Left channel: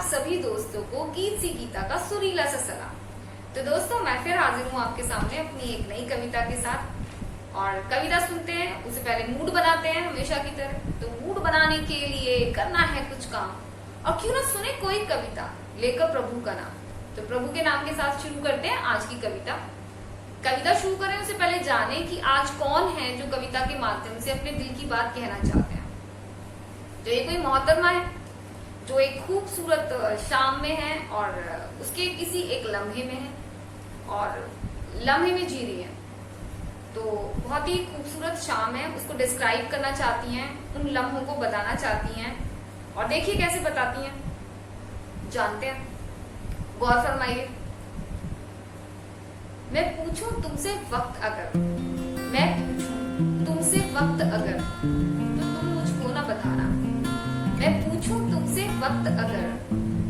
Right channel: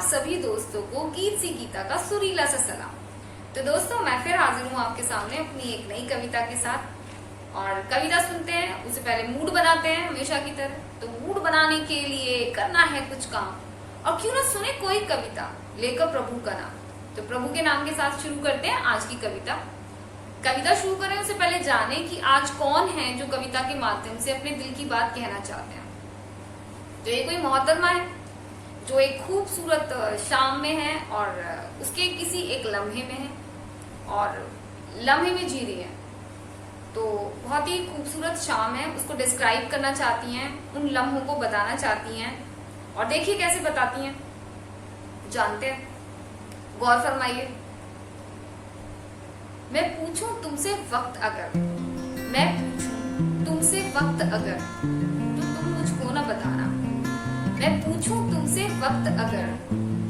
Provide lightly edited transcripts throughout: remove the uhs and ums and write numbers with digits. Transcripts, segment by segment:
आप सभी दोस्तों को गीत सी गीता का सुरीला सा सलाम। तो दोस्तों मैं फिर हाजिर हूँ आपके सामने अपनी एक नई कविता के साथ। और कविता सुनते हैं उससे पहले मूड बनाते हैं हमेशा की तरह। तो मूड बनाने के लिए करना है कुछ काम, और क्यों ना सुने कोई कविता लेकर प्रभु का नाम। तो प्रभु के नाम के साथ शुरू करते हैं आज की कविता। कविता शुरू करें उससे पहले जाने कि आज कौन है जो कविता के माध्यम से अपने दिल की बात कहना चाहते हैं। तो ये कोई मोहतरमा है जो एक खूबसूरत शाम में है और उसके किसी एक लम्हे में है और लम्हे में जी रही है। तो बहुत ही खूबसूरत शाम है, उसको डिस्क्राइब करना चाहती हैं, उन लम्हों को बताना चाहती हैं। और देखिए कैसे बताती हैं, जानते हैं, गौर फरमाइए। मैं पूछूं तुमसे वक्त अगर, मैं पूछूं तुमसे वक्त अगर, तो तुम मुझको ना बताना। मैं पूछूं तुमसे वक्त अगर,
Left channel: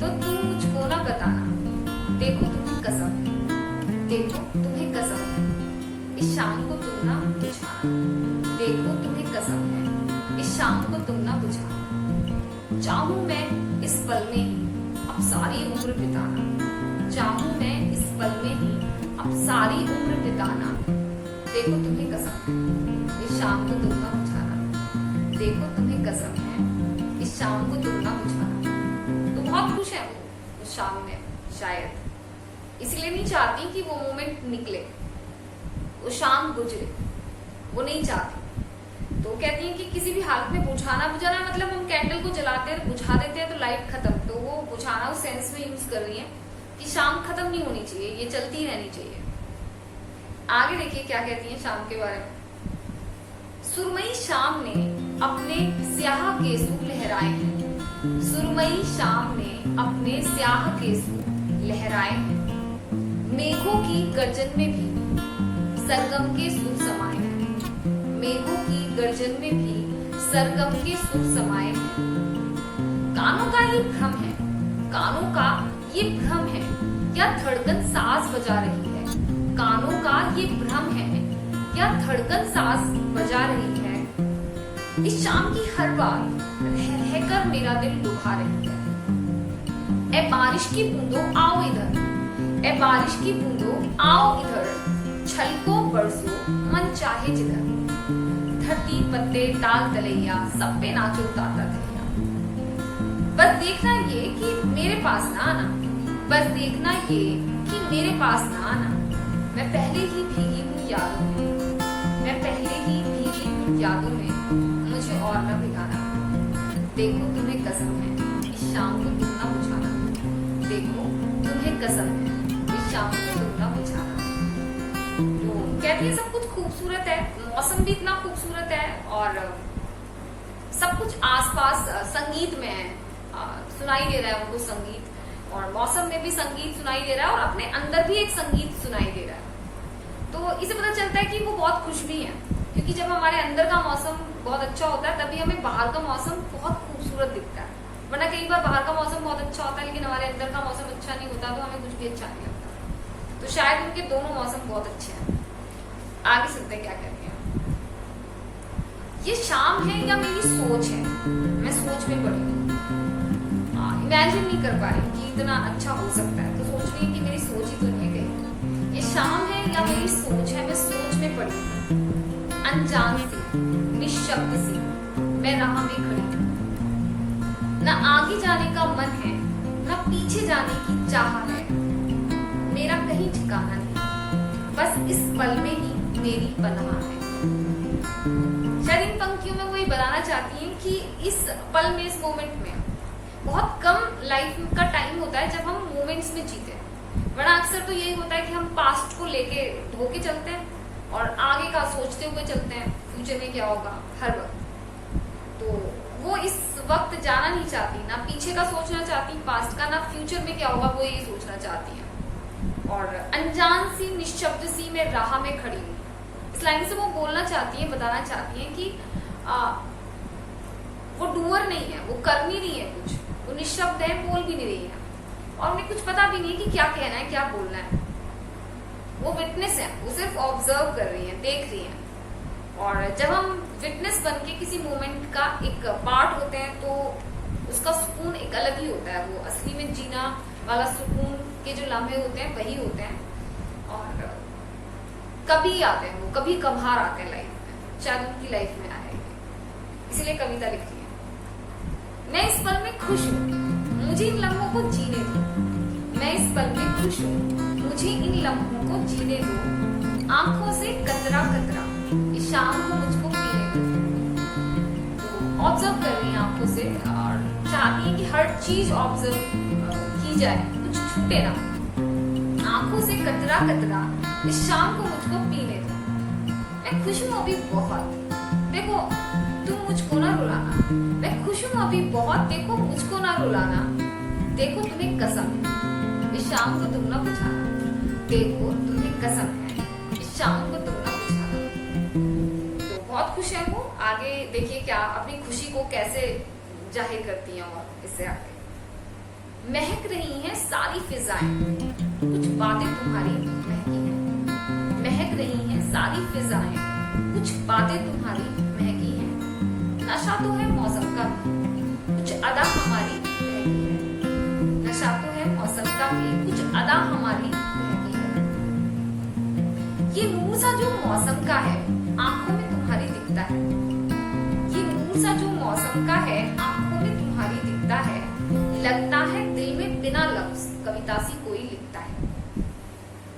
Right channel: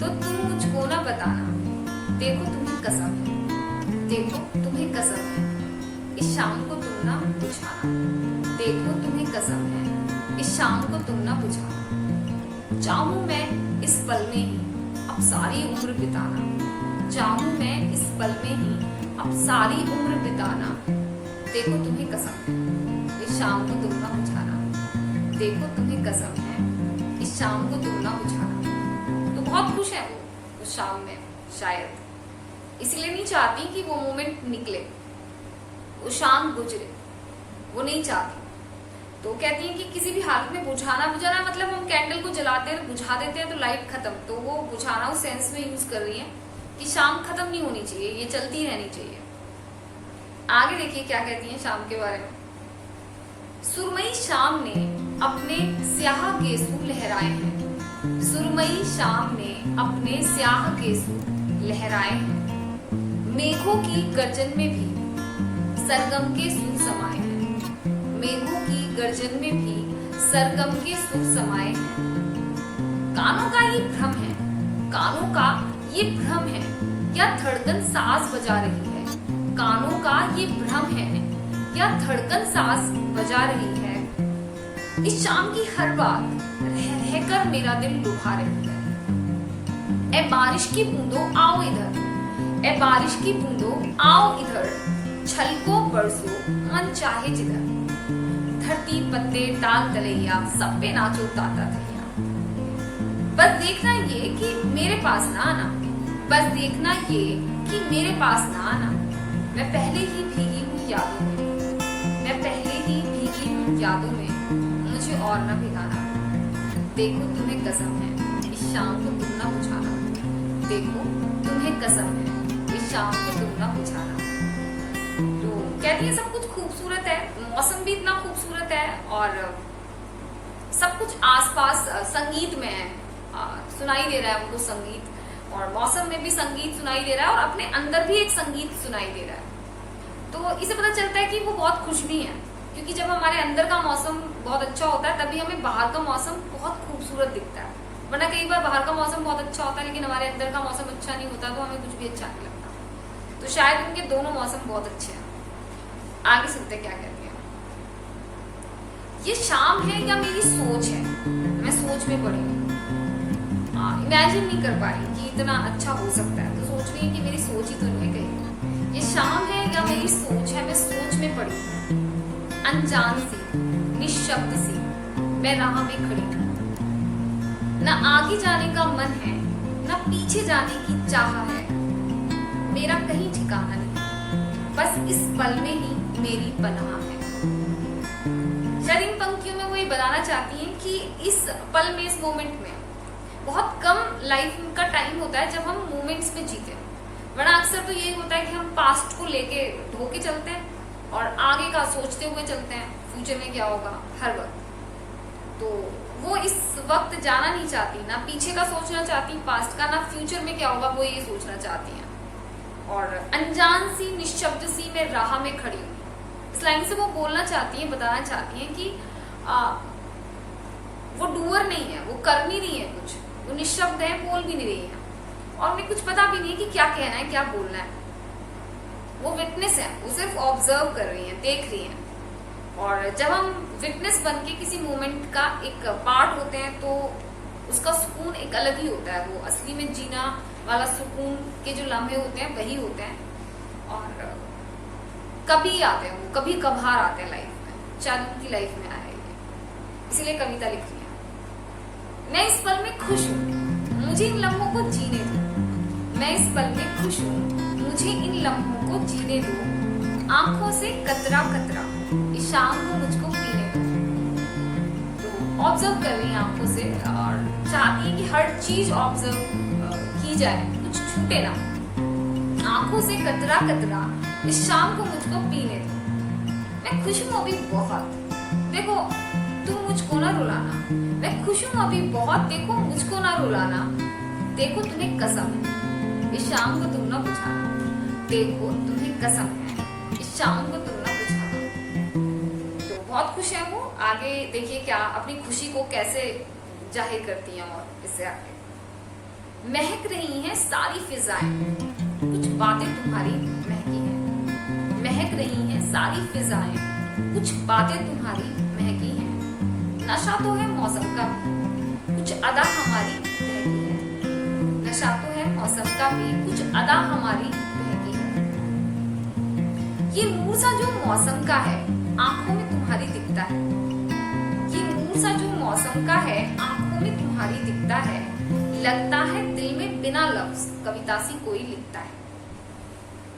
तो तुम मुझको ना बताना। देखो तुम्हें कसम है, देखो तुम्हें कसम है, इस शाम को तुम ना बुझाना। देखो तुम्हें कसम है, इस शाम को तुम ना बुझाना। चाहूं मैं इस पल में ही अब सारी उम्र बिताना। चाहूं मैं इस पल में ही अब सारी उम्र बिताना। देखो तुम्हें कसम है, इस शाम को तुम ना बुझाना। देखो तुम्हें कसम है, इस शाम को तुम ना बुझाना। तो बहुत खुश है वो उस शाम में, शायद इसलिए नहीं चाहती कि वो मोमेंट निकले, वो शाम गुजरे, वो नहीं चाहती। तो कहती हैं कि किसी भी हालत में बुझाना, बुझाना मतलब हम कैंडल को जलाते हैं, बुझा देते हैं तो लाइट खत्म। तो वो बुझाना उस सेंस में यूज कर रही है कि शाम खत्म नहीं होनी चाहिए, ये चलती रहनी चाहिए। आगे देखिए क्या कहती हैं शाम के बारे में। सुरमई शाम ने अपने स्याह गेसू लहराए हैं। सुरमई शाम ने अपने स्याह गेसू लहराए हैं। मेघों की गर्जन में भी सरगम के सुर समाये हैं। मेघों की गर्जन में भी सरगम के सुर समाये हैं। कानों का ये भ्रम है, कानों का ये भ्रम है, या धड़कन साज बजा रही है। कानों का ये भ्रम है या धड़कन साज बजा रही है। इस शाम की हर बात रह रहकर मेरा दिल लुभा रही है। ए बारिश की बूंदों आओ इधर, ए बारिश की बूंदों आओ इधर, छलको बरसो मन चाहे जिधर। धरती पत्ते ताल तलैया, सब पे नाचो ताता थैया। बस देखना ये कि मेरे पास ना आना, बस देखना ये कि मेरे पास ना आना। मैं पहले ही भीगी हूँ यादों में, मैं पहले ही भीगी हूँ यादों में, मुझे और न भिगाना। देखो तुम्हें कसम है, इस शाम को तुम ना बुझाना। देखो तुम्हें कसम है, इस शाम को तुम ना बुझाना। तो कहती है सब कुछ खूबसूरत है, मौसम भी इतना खूबसूरत है और सब कुछ आसपास संगीत में है, सुनाई दे रहा है उनको संगीत, और मौसम में भी संगीत सुनाई दे रहा है और अपने अंदर भी एक संगीत सुनाई दे रहा है। तो इसे पता चलता है कि वो बहुत खुश भी है, क्योंकि जब हमारे अंदर का मौसम बहुत अच्छा होता है तभी हमें बाहर का मौसम बहुत खूबसूरत दिखता है। वरना कई बार बाहर का मौसम बहुत अच्छा होता है लेकिन हमारे अंदर का मौसम अच्छा नहीं होता तो हमें कुछ भी अच्छा नहीं लगता। तो शायद उनके दोनों मौसम बहुत अच्छे हैं। आगे सुनते हैं क्या कहती हैं। ये शाम है या मेरी सोच है, मैं सोच में पड़ी हूँ। इमेजिन नहीं कर पा रही कि इतना अच्छा हो सकता है, तो सोच रही है कि मेरी सोच ही तो नहीं है कहीं। ये शाम है या मेरी सोच है, मैं सोच में पड़ी हूँ। अनजान सी, निशब्द सी, मैं राह में खड़ी हूँ। न आगे जाने का मन है, न पीछे जाने की चाह है। मेरा कहीं ठिकाना नहीं, बस इस पल में ही मेरी पनाह है। शायद इन पंक्तियों में वो ये बताना चाहती हैं कि इस पल में, इस मोमेंट में बहुत कम लाइफ का टाइम होता है जब हम मोमेंट्स में जीते हैं। वरना अक्सर तो यही होता है कि हम पास्ट को लेके ढोके चलते हैं और आगे का सोचते हुए चलते हैं, फ्यूचर में क्या होगा हर वक्त। तो वो इस वक्त जाना नहीं चाहती, ना पीछे का सोचना चाहती पास्ट का, ना फ्यूचर में क्या होगा वो ये सोचना चाहती हैं। और अनजान सी, निशब्द सी, मैं राह में खड़ी हूँ, इस लाइन से वो बोलना चाहती है, बताना चाहती है कि वो डूअर नहीं है, वो कर नहीं रही है कुछ, वो निशब्द है, बोल भी नहीं रही है और उन्हें कुछ पता भी नहीं है कि क्या कहना है, क्या बोलना है। वो विटनेस है, वो सिर्फ ऑब्जर्व कर रही है, देख रही है। और जब हम विटनेस बन के किसी मोमेंट का एक पार्ट होते हैं तो उसका सुकून एक अलग ही होता है। वो असली में जीना वाला सुकून के जो लम्हे होते हैं वही होते हैं, और कभी आते हैं वो, कभी कभार आते हैं लाइफ में, शायद उनकी लाइफ में आए, इसीलिए कविता लिखी है। मैं इस पल में खुश हूँ, मुझे इन लम्हों को जीने दो। मैं इस पल में खुश हूँ, मुझे इन लम्हों को जीने दो। आंखों से कतरा कतरा इस शाम को मुझको पीने दो। तो ऑब्जर्व कर रही हैं आंखों से, और चाहती हैं कि हर चीज ऑब्जर्व की जाए, कुछ छूटे ना। आंखों से कतरा कतरा इस शाम को मुझको पीने दो। मैं खुश हूँ अभी बहुत, देखो तुम मुझको ना रुलाना। मैं खुश हूँ अभी बहुत, देखो मुझको ना रुलाना। देखो तुम्हें कसम है, इस शाम को तुम ना बुझाना। देखो तुम्हें कसम है, इस शाम को तुम ना बुझाना। तो बहुत खुश है वो। आगे देखिए क्या अपनी खुशी को कैसे जाहिर करती हैं। और इससे आगे, महक रही हैं सारी फिजाएं, कुछ बातें तुम्हारी महकी हैं। महक रही हैं सारी फिजाएं, कुछ बातें तुम्हारी महकी हैं। नशा तो है मौसम का भी, कुछ अदा हमारी बहकी है। नशा तो है मौसम का भी, कुछ अदा हमारी बहकी है। ये नूर सा जो मौसम का है, आंखों में तुम्हारी दिखता है। ये नूर सा जो मौसम का है, आंखों में तुम्हारी दिखता है। लगता है दिल में बिना लफ्ज कविता सी कोई लिखता है।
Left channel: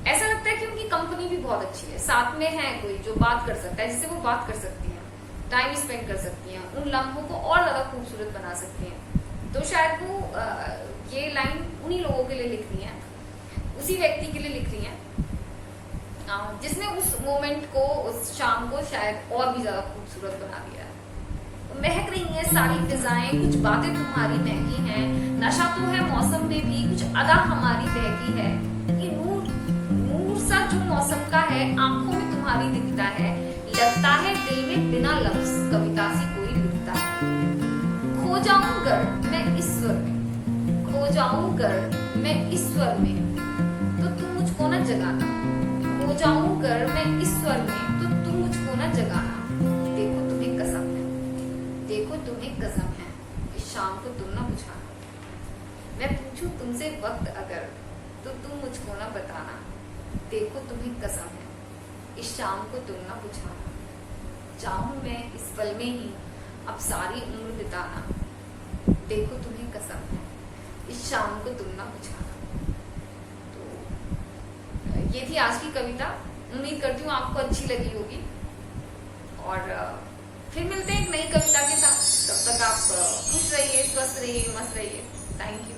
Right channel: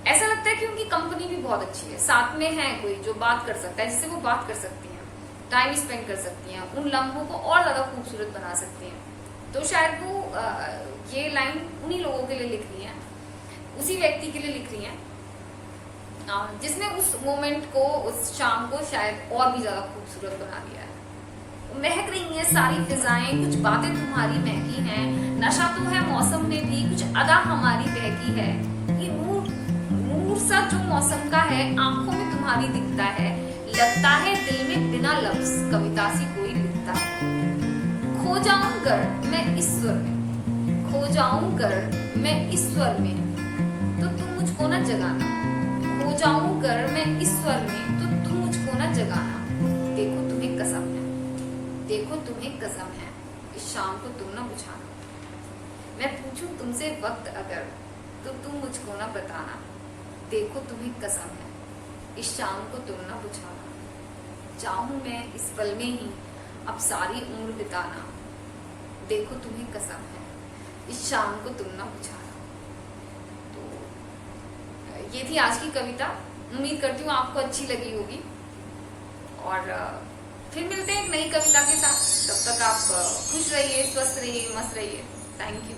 ऐसा लगता है कि उनकी कंपनी भी बहुत अच्छी है, साथ में है कोई जो बात कर सकता है, जिससे वो बात कर सकती हैं, टाइम स्पेंड कर सकती हैं, उन लम्हों को और ज्यादा खूबसूरत बना सकती हैं। तो शायद वो ये लाइन उन्हीं लोगों के लिए लिख रही है, उसी व्यक्ति के लिए लिख रही है जिसने उस मोमेंट को, उस शाम को शायद और भी ज्यादा खूबसूरत बना दिया है। तो महक रही है सारी फिजाएं, कुछ बातें तुम्हारी महकी हैं। नशा तो है मौसम में भी, कुछ अदा हमारी बहकी है। ये नूर सा जो मौसम का है, आंखों में तुम्हारी दिखता है। लगता है दिल में बिना लफ्ज कविता सी कोई लिखता है। खो जाऊं गर मैं इस स्वर में, खो जाऊं गर मैं इस स्वर में, तो तुम मुझको ना जगाना। खो जाऊं गर मैं इस स्वर में, तो तुम मुझको ना जगाना। देखो तुम्हें कसम है, देखो तुम्हें कसम है, इस शाम को तुम ना बुझाना। मैं पूछूं तुमसे वक्त अगर, तो तुम मुझको ना बताना। देखो तुम्हें कसम है, इस शाम को तुम ना बुझाना। चाहूं मैं इस पल में ही अब सारी उम्र बिताना। देखो तुम्हें कसम है, इस शाम को तुम ना बुझाना। तो ये थी आज की कविता। उम्मीद करती हूँ आपको अच्छी लगी होगी, और फिर मिलते हैं एक नई कविता के साथ। तब तक आप खुश रहिए, स्वस्थ रहिए, मस्त रहिए। Thank you.